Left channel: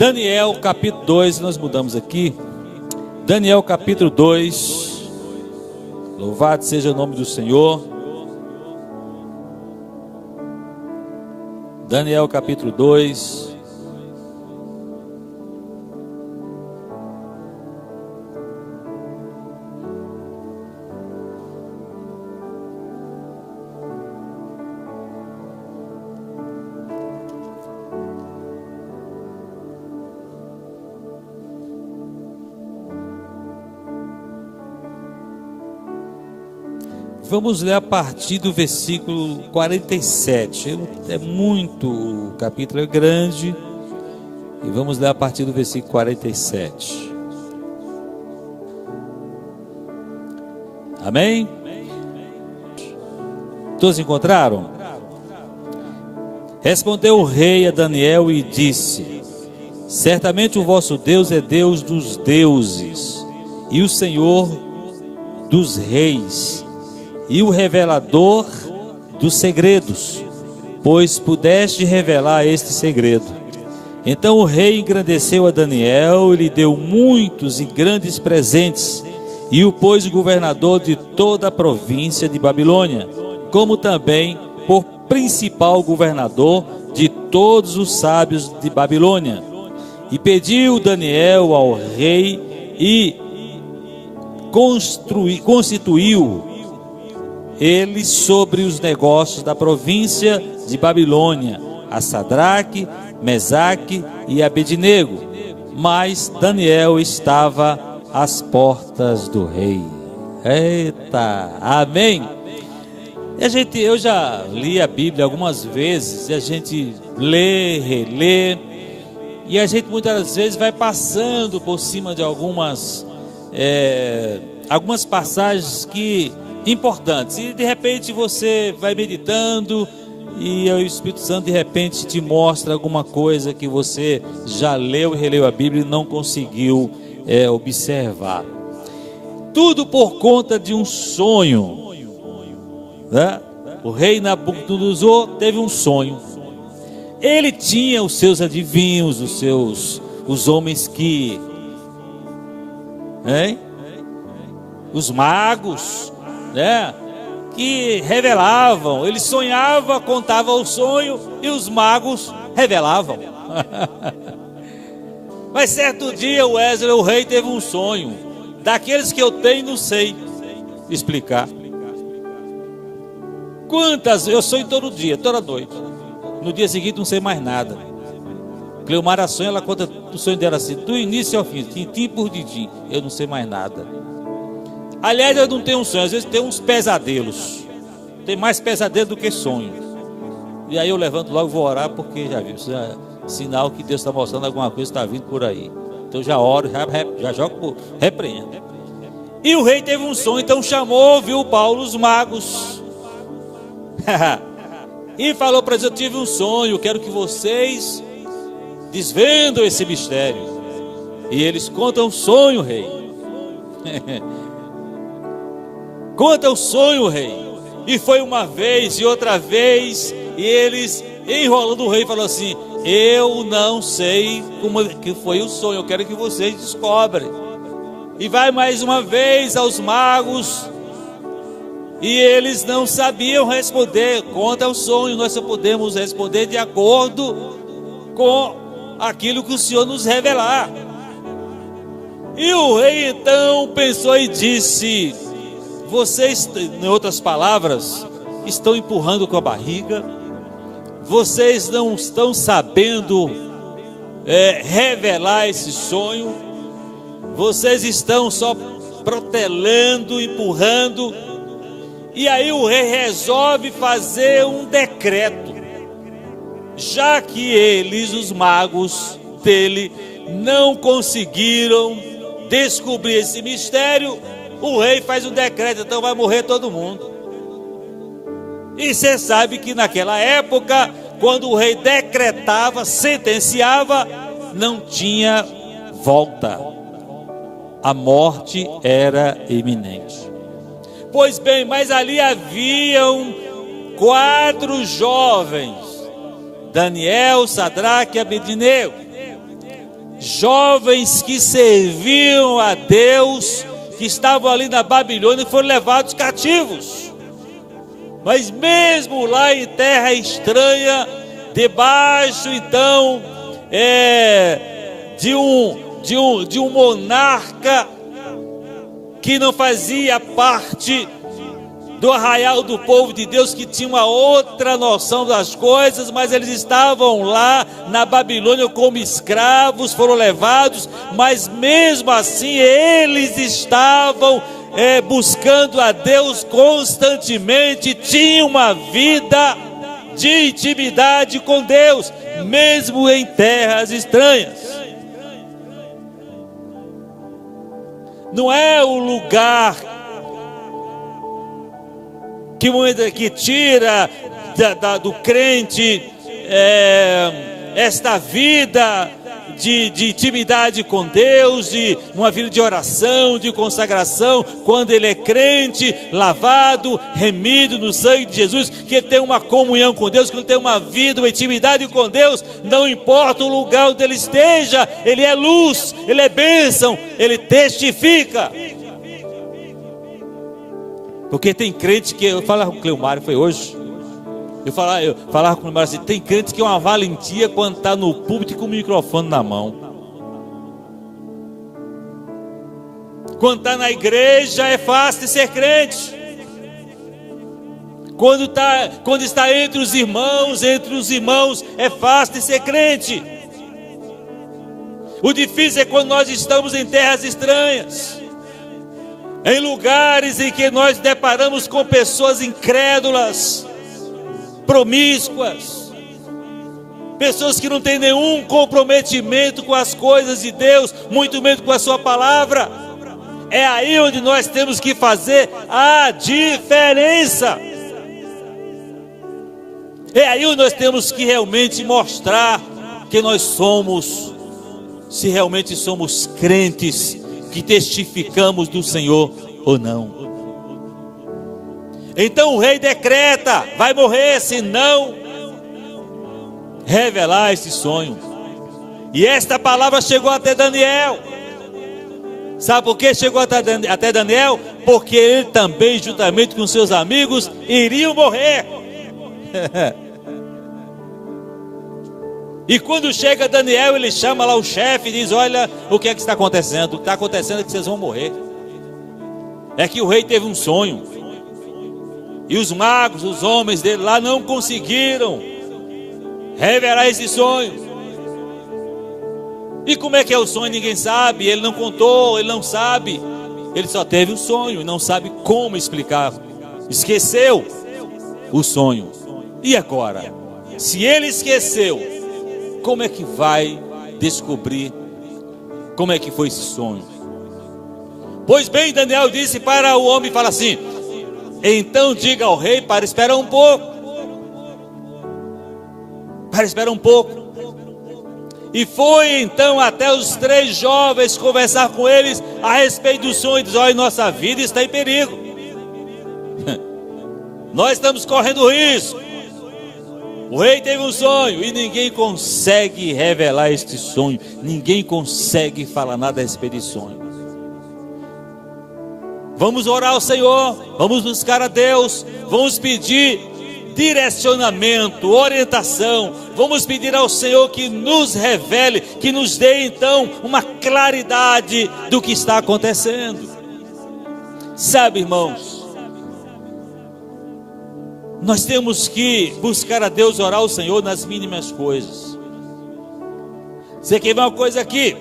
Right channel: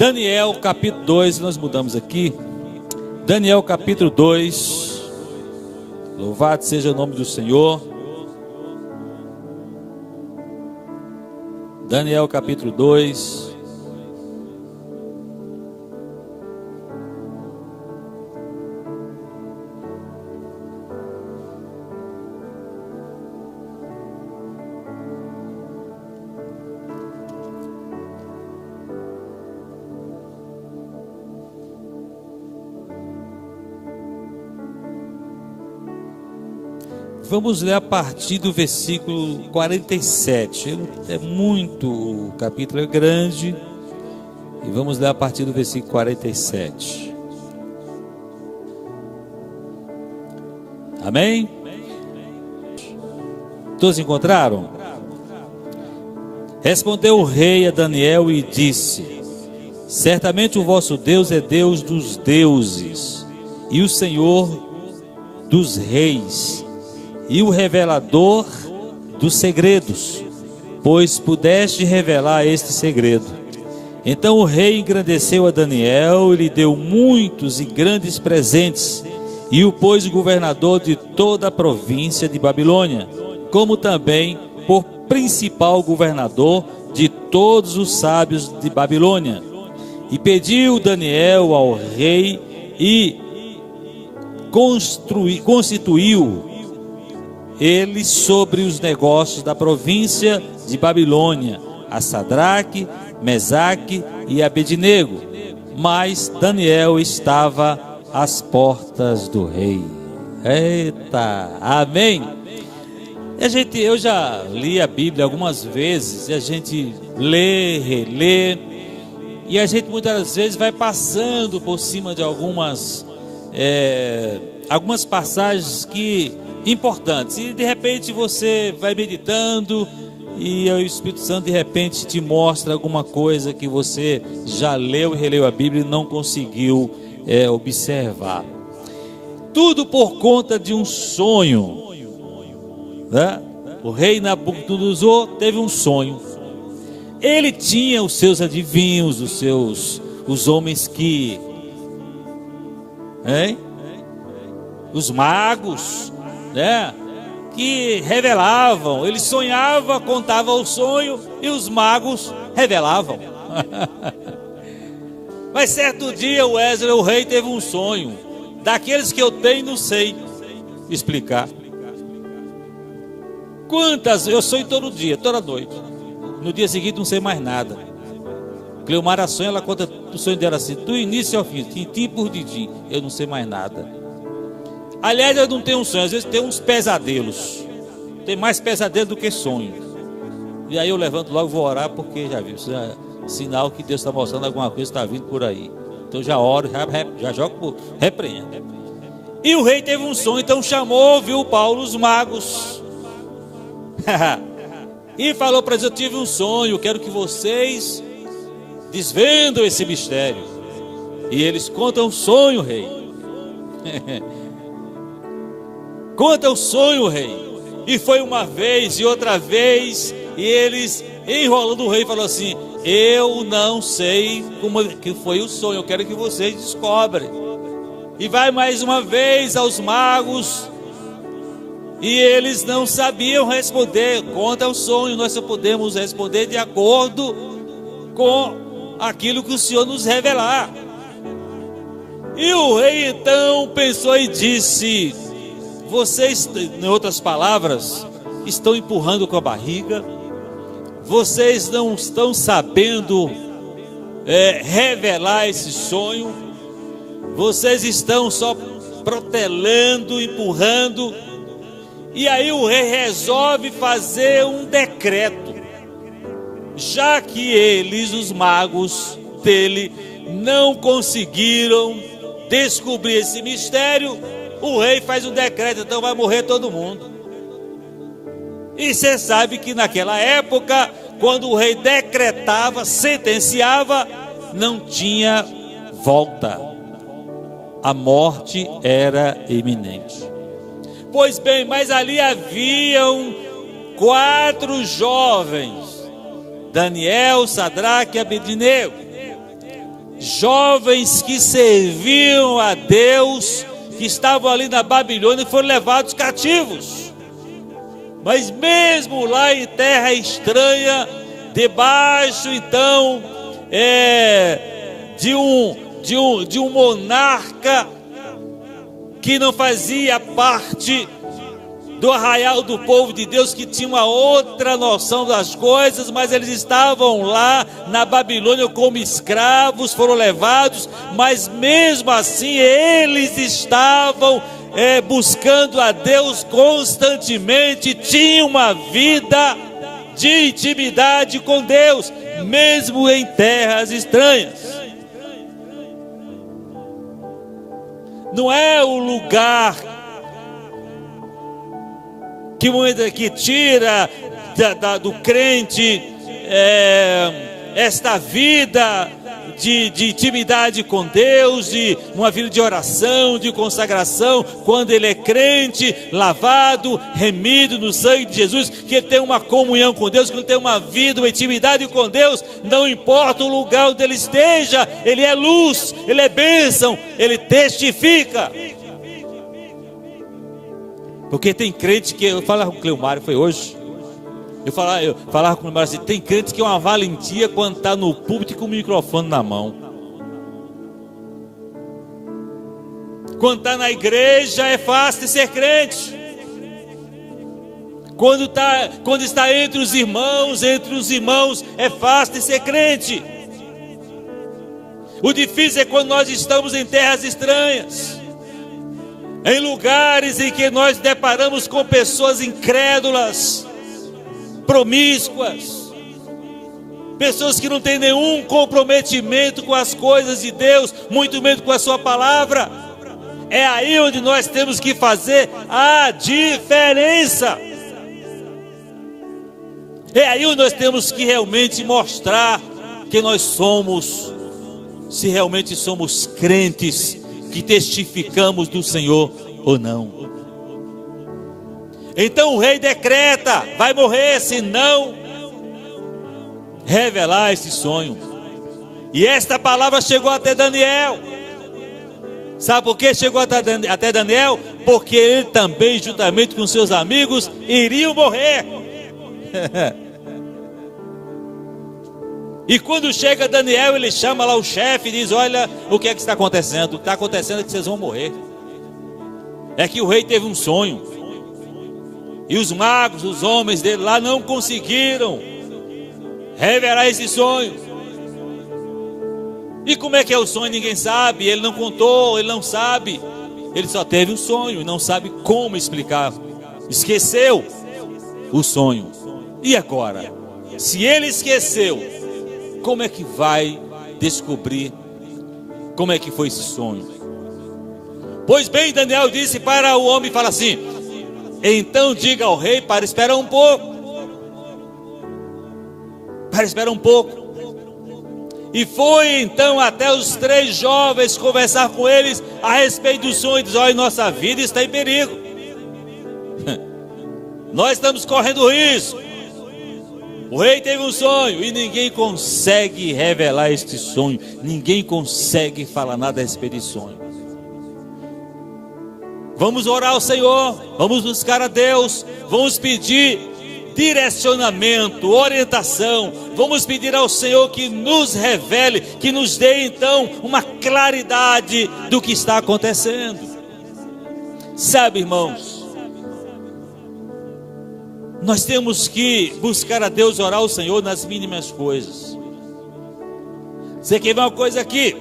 Daniel capítulo 2, nós mudamos aqui. Daniel capítulo 2. Louvado seja o nome do Senhor. Daniel capítulo 2. Vamos ler a partir do versículo 47. É muito, o capítulo é grande. E vamos ler a partir do versículo 47. Amém? Todos encontraram? Respondeu o rei a Daniel e disse: certamente o vosso Deus é Deus dos deuses e o Senhor dos reis, e o revelador dos segredos, pois pudeste revelar este segredo. Então o rei engrandeceu a Daniel e lhe deu muitos e grandes presentes, e o pôs governador de toda a província de Babilônia, como também por principal governador de todos os sábios de Babilônia. E pediu Daniel ao rei e constituiu ele sobre os negócios da província de Babilônia, a Sadraque, Mesaque e Abednego. Mas Daniel estava às portas do rei. Eita, amém? Eu já li a Bíblia algumas vezes, e a gente lê, relê, e a gente muitas vezes vai passando por cima de algumas passagens importantes, e de repente você vai meditando e o Espírito Santo de repente te mostra alguma coisa que você já leu e releu a Bíblia e não conseguiu observar. Tudo por conta de um sonho, né? O rei Nabucodonosor teve um sonho. Ele tinha os seus adivinhos, os homens que, os magos, que revelavam. Ele sonhava, contava o sonho e os magos revelavam. Mas certo dia o rei teve um sonho, daqueles que eu tenho não sei explicar. Eu sonho todo dia, toda noite. No dia seguinte não sei mais nada. Cleomara sonha, ela conta o sonho dela assim, do início ao fim, tintim por tintim. Eu não sei mais nada. Aliás, eu não tenho um sonho, às vezes tem uns pesadelos. Tem mais pesadelo do que sonho. E aí eu levanto logo e vou orar, porque já viu, isso é sinal que Deus está mostrando alguma coisa que está vindo por aí. Então já oro, já jogo, repreendo. E o rei teve um sonho, então chamou, viu Paulo, os magos. E falou para eles: eu tive um sonho, quero que vocês desvendam esse mistério. E eles contam o sonho, rei. Conta o sonho, rei. E foi uma vez e outra vez, e eles, enrolando o rei, falou assim: eu não sei como que foi o sonho, eu quero que vocês descobrem. E vai mais uma vez aos magos, e eles não sabiam responder. Conta o sonho, nós só podemos responder de acordo com aquilo que o Senhor nos revelar. E o rei então pensou e disse: vocês, em outras palavras, estão empurrando com a barriga, vocês não estão sabendo revelar esse sonho, vocês estão só protelando, empurrando. E aí o rei resolve fazer um decreto, já que eles, os magos dele, não conseguiram descobrir esse mistério. O rei faz um decreto, então vai morrer todo mundo. E você sabe que naquela época, quando o rei decretava, sentenciava, não tinha volta. A morte era iminente. Pois bem, mas ali haviam 4 jovens, Daniel, Sadraque e Abednego. jovens que serviam a Deus, que estavam ali na Babilônia, foram levados cativos. Mas mesmo lá em terra estranha, debaixo então de um monarca que não fazia parte do arraial do povo de Deus, que tinha uma outra noção das coisas, mas eles estavam lá na Babilônia como escravos, foram levados, mas mesmo assim eles estavam buscando a Deus constantemente, tinham uma vida de intimidade com Deus, mesmo em terras estranhas. Não é o lugar que tira do crente esta vida de intimidade com Deus, de uma vida de oração, de consagração, quando ele é crente, lavado, remido no sangue de Jesus, que ele tem uma comunhão com Deus, que ele tem uma vida, uma intimidade com Deus, não importa o lugar onde ele esteja, ele é luz, ele é bênção, ele testifica. Porque tem crente que, eu falava com o Cleomário, foi hoje, eu falava com o Cleomário assim, tem crente que é uma valentia quando está no púlpito com o microfone na mão. Quando está na igreja é fácil de ser crente. Quando está entre os irmãos é fácil de ser crente. O difícil é quando nós estamos em terras estranhas, em lugares em que nós deparamos com pessoas incrédulas, promíscuas, pessoas que não têm nenhum comprometimento com as coisas de Deus, muito menos com a sua palavra. É aí onde nós temos que fazer a diferença. É aí onde nós temos que realmente mostrar que nós somos, se realmente somos crentes, que testificamos do Senhor ou não. Então o rei decreta, vai morrer se não revelar esse sonho. E esta palavra chegou até Daniel. Sabe por que chegou até Daniel? Porque ele também, juntamente com seus amigos, iriam morrer. E quando chega Daniel, ele chama lá o chefe e diz, olha, o que é que está acontecendo? Está acontecendo que vocês vão morrer. É que o rei teve um sonho. E os magos, os homens dele lá não conseguiram revelar esse sonho. E como é que é o sonho? Ninguém sabe, ele não contou, ele não sabe. Ele só teve um sonho e não sabe como explicar. Esqueceu o sonho. E agora? Se ele esqueceu, como é que vai descobrir como é que foi esse sonho? Pois bem, Daniel disse para o homem, fala assim, então diga ao rei para esperar um pouco. Para esperar um pouco. E foi então até os 3 jovens conversar com eles a respeito do sonho. E diz, olha, nossa vida está em perigo. Nós estamos correndo risco. O rei teve um sonho e ninguém consegue revelar este sonho. Ninguém consegue falar nada a respeito desse sonho. Vamos orar ao Senhor, vamos buscar a Deus, vamos pedir direcionamento, orientação, vamos pedir ao Senhor que nos revele, que nos dê então uma claridade do que está acontecendo. Sabe, irmãos, nós temos que buscar a Deus, orar ao Senhor nas mínimas coisas. Você quer ver uma coisa aqui?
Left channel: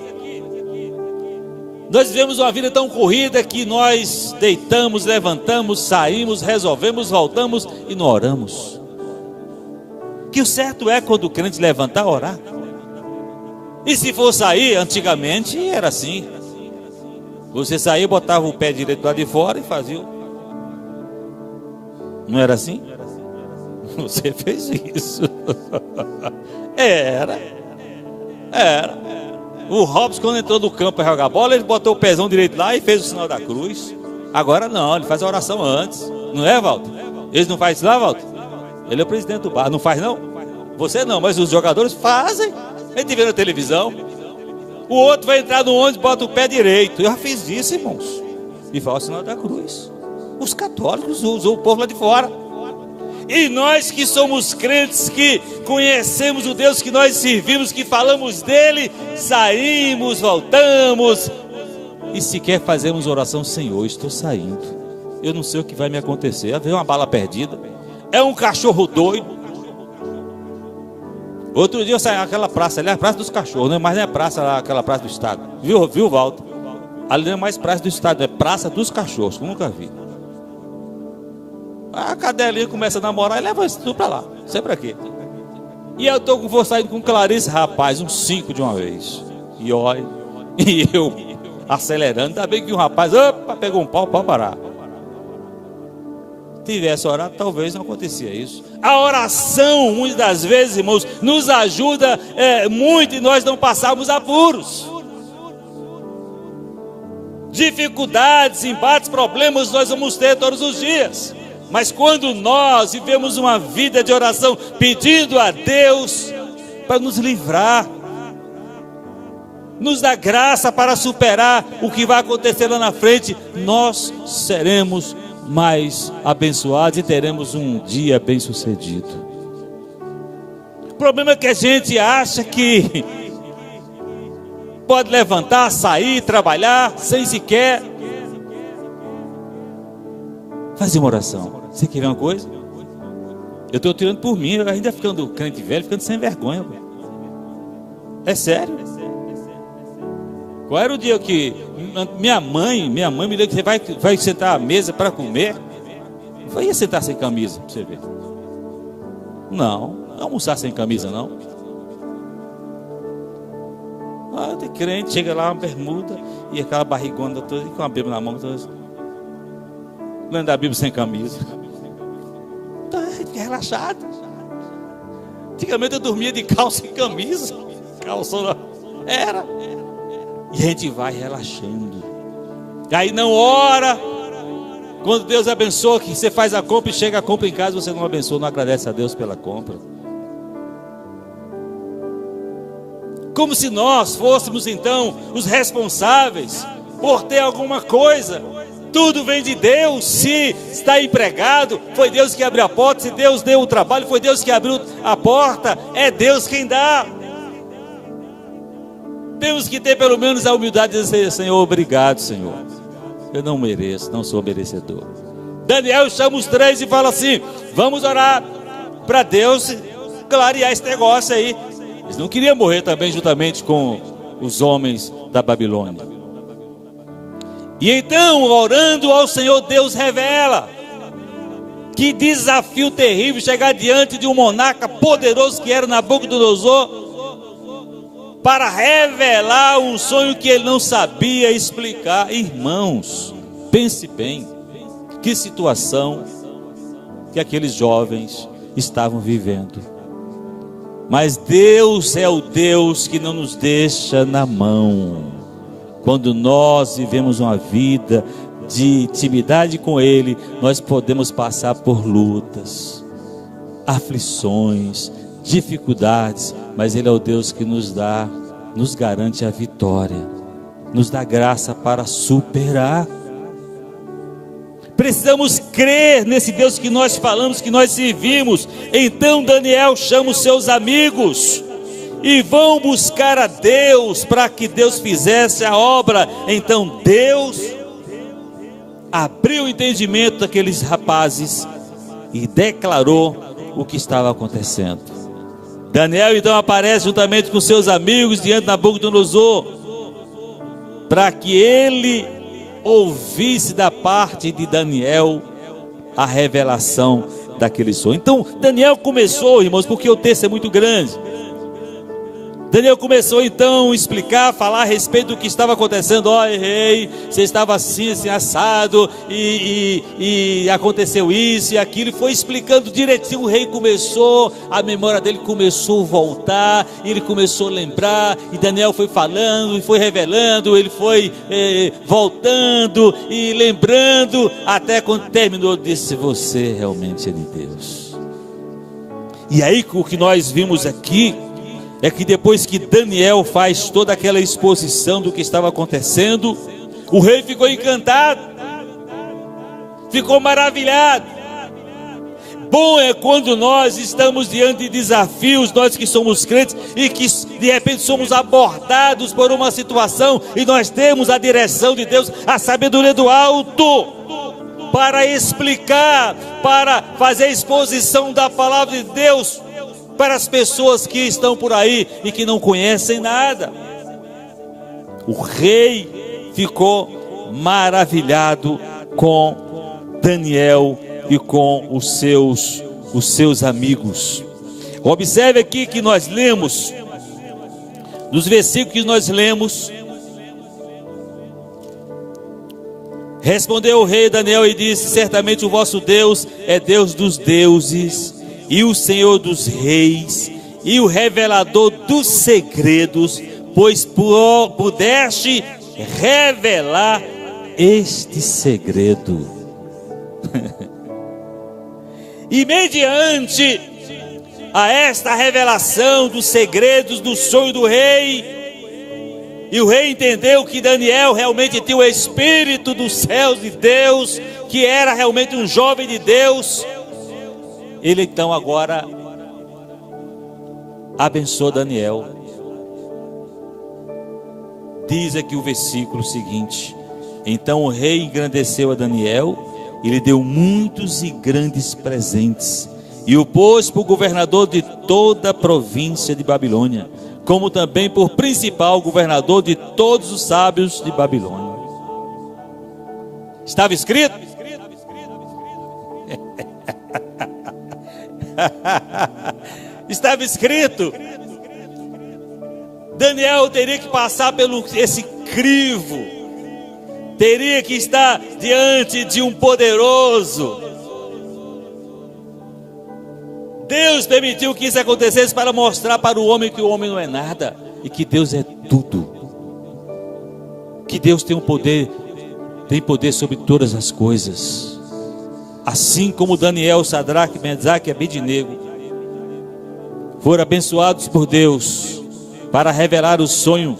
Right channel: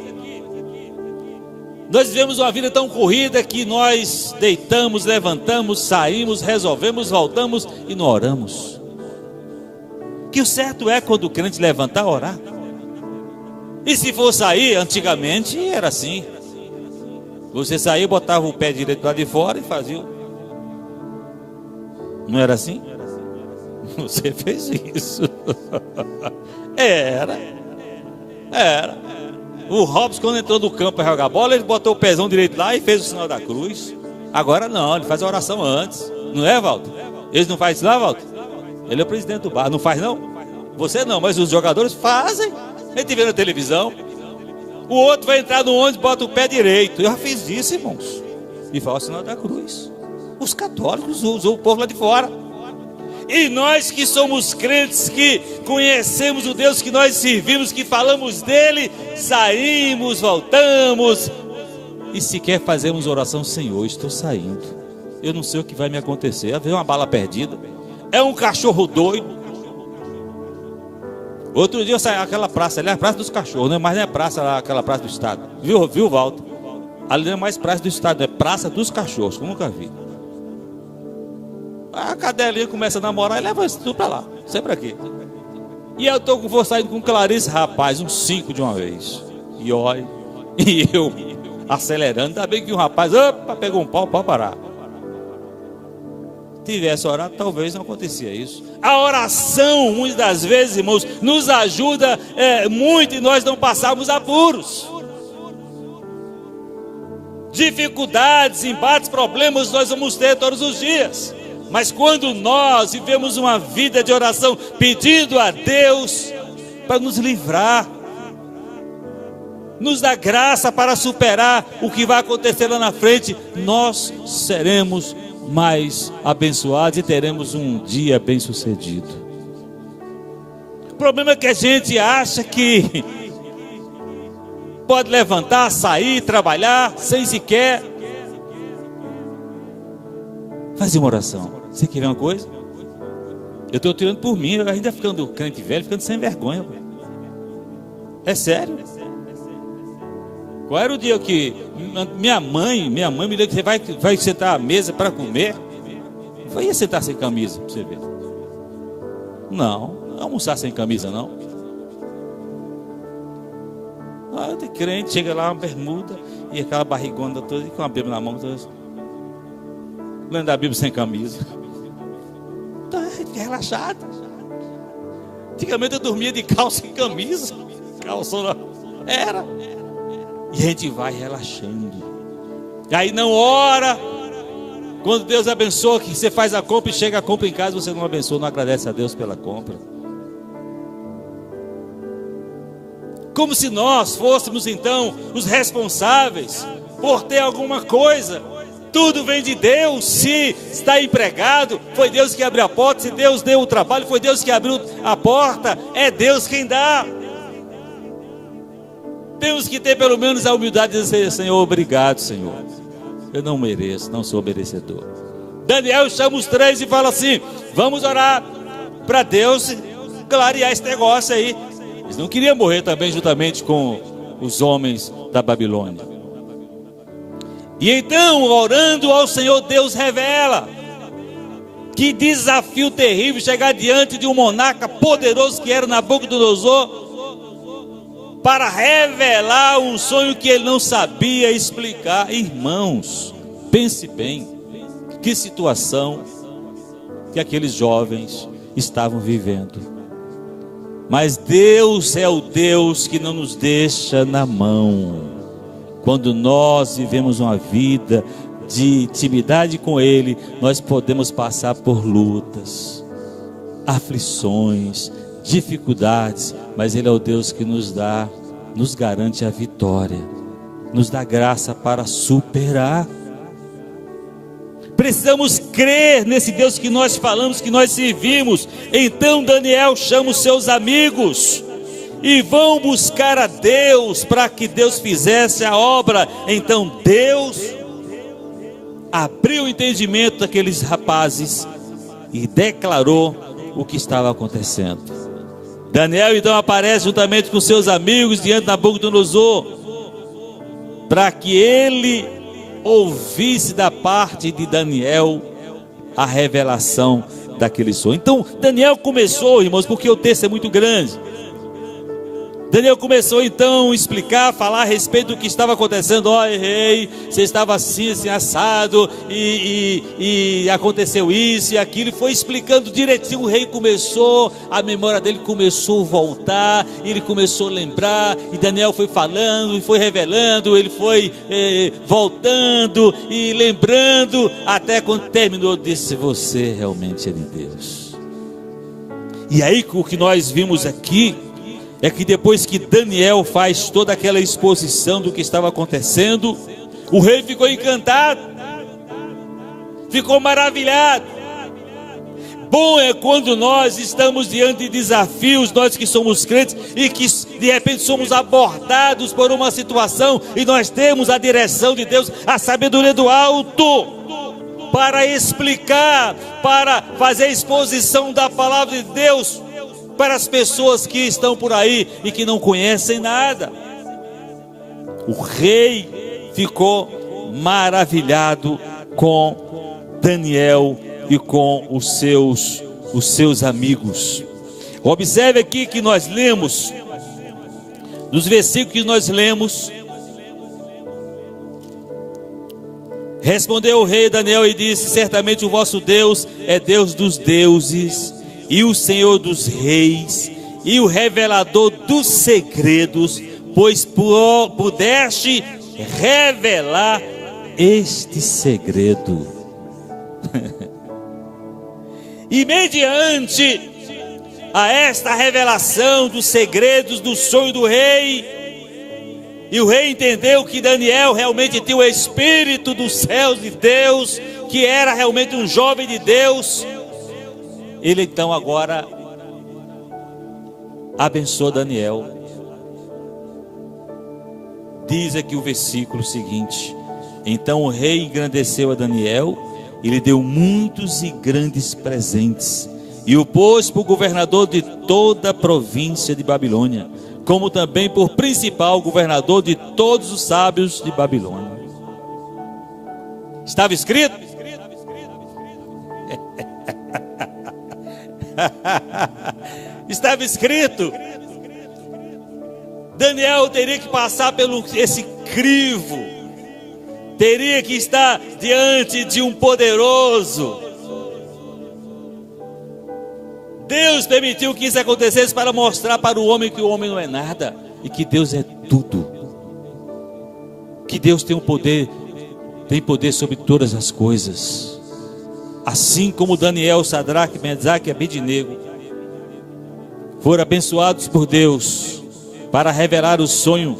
Nós vivemos uma vida tão corrida que nós deitamos, levantamos, saímos, resolvemos, voltamos e não oramos. Que o certo é quando o crente levantar, orar. E se for sair, antigamente era assim. Você saía, botava o pé direito lá de fora e fazia. Não era assim? Você fez isso. Era. O Robson, quando entrou no campo para jogar bola, ele botou o pezão direito lá e fez o sinal da cruz. Agora não, ele faz a oração antes. Não é, Walter? Eles não fazem isso lá, Walter? Ele é o presidente do bar, não faz não? Você não, mas os jogadores fazem. A gente vê na televisão. O outro vai entrar no ônibus, bota o pé direito. Eu já fiz isso, irmãos. E fala o sinal da cruz. Os católicos usam o povo lá de fora. E nós que somos crentes, que conhecemos o Deus que nós servimos, que falamos dele, saímos, voltamos e sequer fazemos oração. Senhor, estou saindo, eu não sei o que vai me acontecer. Vem uma bala perdida, é um cachorro doido. Outro dia eu saí naquela praça, ali é a praça dos cachorros, né? Mas não é praça lá, aquela praça do estado. Viu, Walter? Ali não é mais praça do estado, é praça dos cachorros, que eu nunca vi. A cadelinha começa a namorar e leva isso tudo pra lá, não sei pra quê. E eu vou saindo com Clarice, rapaz, uns 5 de uma vez. E olha, e eu acelerando, ainda bem que o rapaz, opa, pegou um pau para parar. Tivesse orado, talvez não acontecia isso. A oração, muitas das vezes, irmãos, nos ajuda muito e nós não passarmos apuros. Dificuldades, embates, problemas nós vamos ter todos os dias. Mas quando nós vivemos uma vida de oração, pedindo a Deus para nos livrar, nos dar graça para superar o que vai acontecer lá na frente, nós seremos mais abençoados e teremos um dia bem sucedido. O problema é que a gente acha que pode levantar, sair, trabalhar, sem sequer fazer uma oração. Você quer ver uma coisa? Eu estou tirando por mim, eu ainda ficando crente velho, ficando sem vergonha. É sério. Qual era o dia que minha mãe me disse que você vai sentar à mesa para comer? Eu ia sentar sem camisa, para você ver. Não almoçar sem camisa, não. Tem crente, chega lá, uma bermuda e aquela barrigona toda com a Bíblia na mão, toda. Lendo a Bíblia sem camisa. Então, relaxado. Antigamente eu dormia de calça e camisa. Calça era. E a gente vai relaxando. E aí não ora. Quando Deus abençoa, que você faz a compra e chega a compra em casa, você não abençoa, não agradece a Deus pela compra. Como se nós fôssemos então os responsáveis por ter alguma coisa. Tudo vem de Deus. Se está empregado, foi Deus que abriu a porta. Se Deus deu o trabalho, foi Deus que abriu a porta. É Deus quem dá. Temos que ter pelo menos a humildade de dizer: Senhor, obrigado, Senhor. Eu não mereço, não sou merecedor. Daniel chama os 3 e fala assim: vamos orar para Deus clarear esse negócio aí. Eles não queriam morrer também juntamente com os homens da Babilônia. E então, orando ao Senhor, Deus revela. Que desafio terrível chegar diante de um monarca poderoso que era Nabucodonosor, para revelar um sonho que ele não sabia explicar. Irmãos, pense bem, que situação que aqueles jovens estavam vivendo. Mas Deus é o Deus que não nos deixa na mão. Quando nós vivemos uma vida de intimidade com Ele, nós podemos passar por lutas, aflições, dificuldades, mas Ele é o Deus que nos garante a vitória, nos dá graça para superar. Precisamos crer nesse Deus que nós falamos, que nós servimos. Então Daniel chama os seus amigos e vão buscar a Deus para que Deus fizesse a obra. Então Deus abriu o entendimento daqueles rapazes e declarou o que estava acontecendo. Daniel então aparece juntamente com seus amigos diante de Nabucodonosor, para que ele ouvisse da parte de Daniel a revelação daquele sonho. Então Daniel começou, irmãos, porque o texto é muito grande. Daniel começou então a explicar, falar a respeito do que estava acontecendo. Ó, rei, você estava assim, assim, assado, e aconteceu isso e aquilo, e foi explicando direitinho. O rei começou, a memória dele começou a voltar, ele começou a lembrar, e Daniel foi falando, e foi revelando, ele foi voltando e lembrando, até quando terminou, disse: você realmente é de Deus. E aí o que nós vimos aqui é que depois que Daniel faz toda aquela exposição do que estava acontecendo, o rei ficou encantado, ficou maravilhado. Bom é quando nós estamos diante de desafios, nós que somos crentes, e que de repente somos abordados por uma situação, e nós temos a direção de Deus, a sabedoria do alto, para explicar, para fazer a exposição da palavra de Deus, para as pessoas que estão por aí e que não conhecem nada. O rei ficou maravilhado com Daniel e com os seus amigos. Observe aqui que nós lemos, nos versículos que nós lemos: respondeu o rei Daniel e disse: certamente o vosso Deus é Deus dos deuses e o Senhor dos reis e o revelador dos segredos, pois pudeste revelar este segredo. E mediante a esta revelação dos segredos do sonho do rei, e o rei entendeu que Daniel realmente tinha o Espírito dos céus de Deus, que era realmente um jovem de Deus, ele então agora abençoou Daniel. Diz aqui o versículo seguinte: então o rei engrandeceu a Daniel e lhe deu muitos e grandes presentes, e o pôs por governador de toda a província de Babilônia, como também por principal governador de todos os sábios de Babilônia. Estava escrito? Estava escrito. Daniel teria que passar pelo esse crivo, teria que estar diante de um poderoso. Deus permitiu que isso acontecesse para mostrar para o homem que o homem não é nada e que Deus é tudo, que Deus tem poder sobre todas as coisas. Assim como Daniel, Sadraque, Mesaque e Abednego foram abençoados por Deus para revelar o sonho,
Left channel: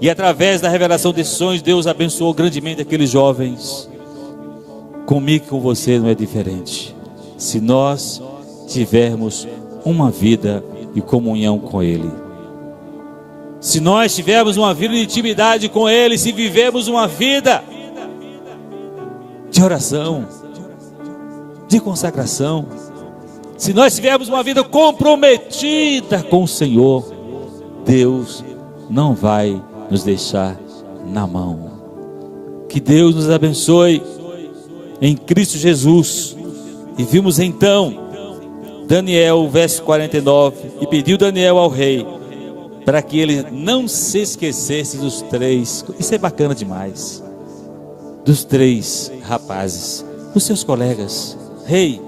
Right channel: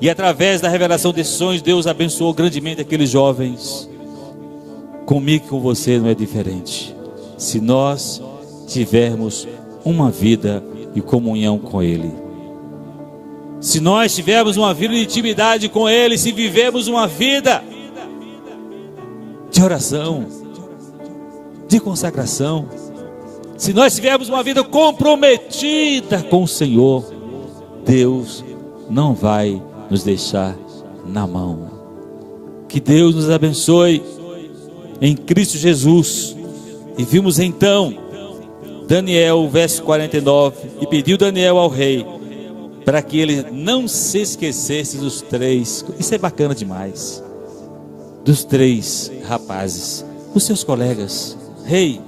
e através da revelação desses sonhos, Deus abençoou grandemente aqueles jovens. Comigo e com você não é diferente. Se nós tivermos uma vida de comunhão com Ele, se nós tivermos uma vida de intimidade com Ele, se vivermos uma vida de oração, de consagração, se nós tivermos uma vida comprometida com o Senhor, Deus não vai nos deixar na mão. Que Deus nos abençoe em Cristo Jesus. E vimos então Daniel, verso 49, e pediu Daniel ao rei para que ele não se esquecesse dos três, isso é bacana demais, dos três rapazes, os seus colegas. Rei,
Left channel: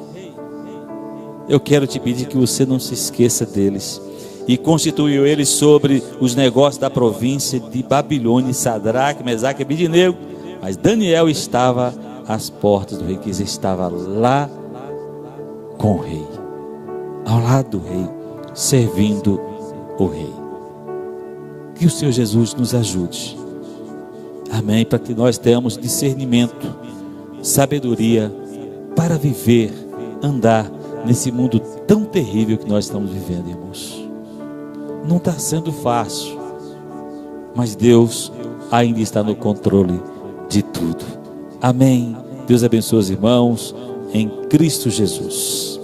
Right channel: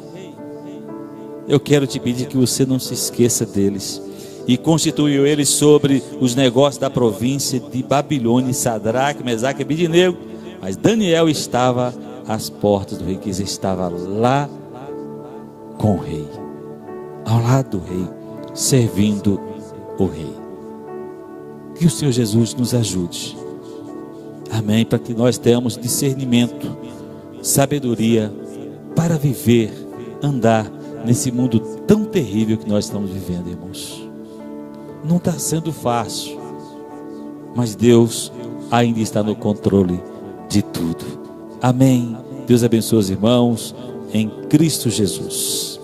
eu quero te pedir que você não se esqueça deles. E constituiu eles sobre os negócios da província de Babilônia, Sadraque, Mesaque e Abednego. Mas Daniel estava às portas do rei, que estava lá com o rei, ao lado do rei, servindo o rei. Que o Senhor Jesus nos ajude, amém, para que nós tenhamos discernimento, sabedoria para viver, andar nesse mundo tão terrível que nós estamos vivendo, irmãos. Não está sendo fácil, mas Deus ainda está no controle de tudo. Amém. Deus abençoe os irmãos em Cristo Jesus.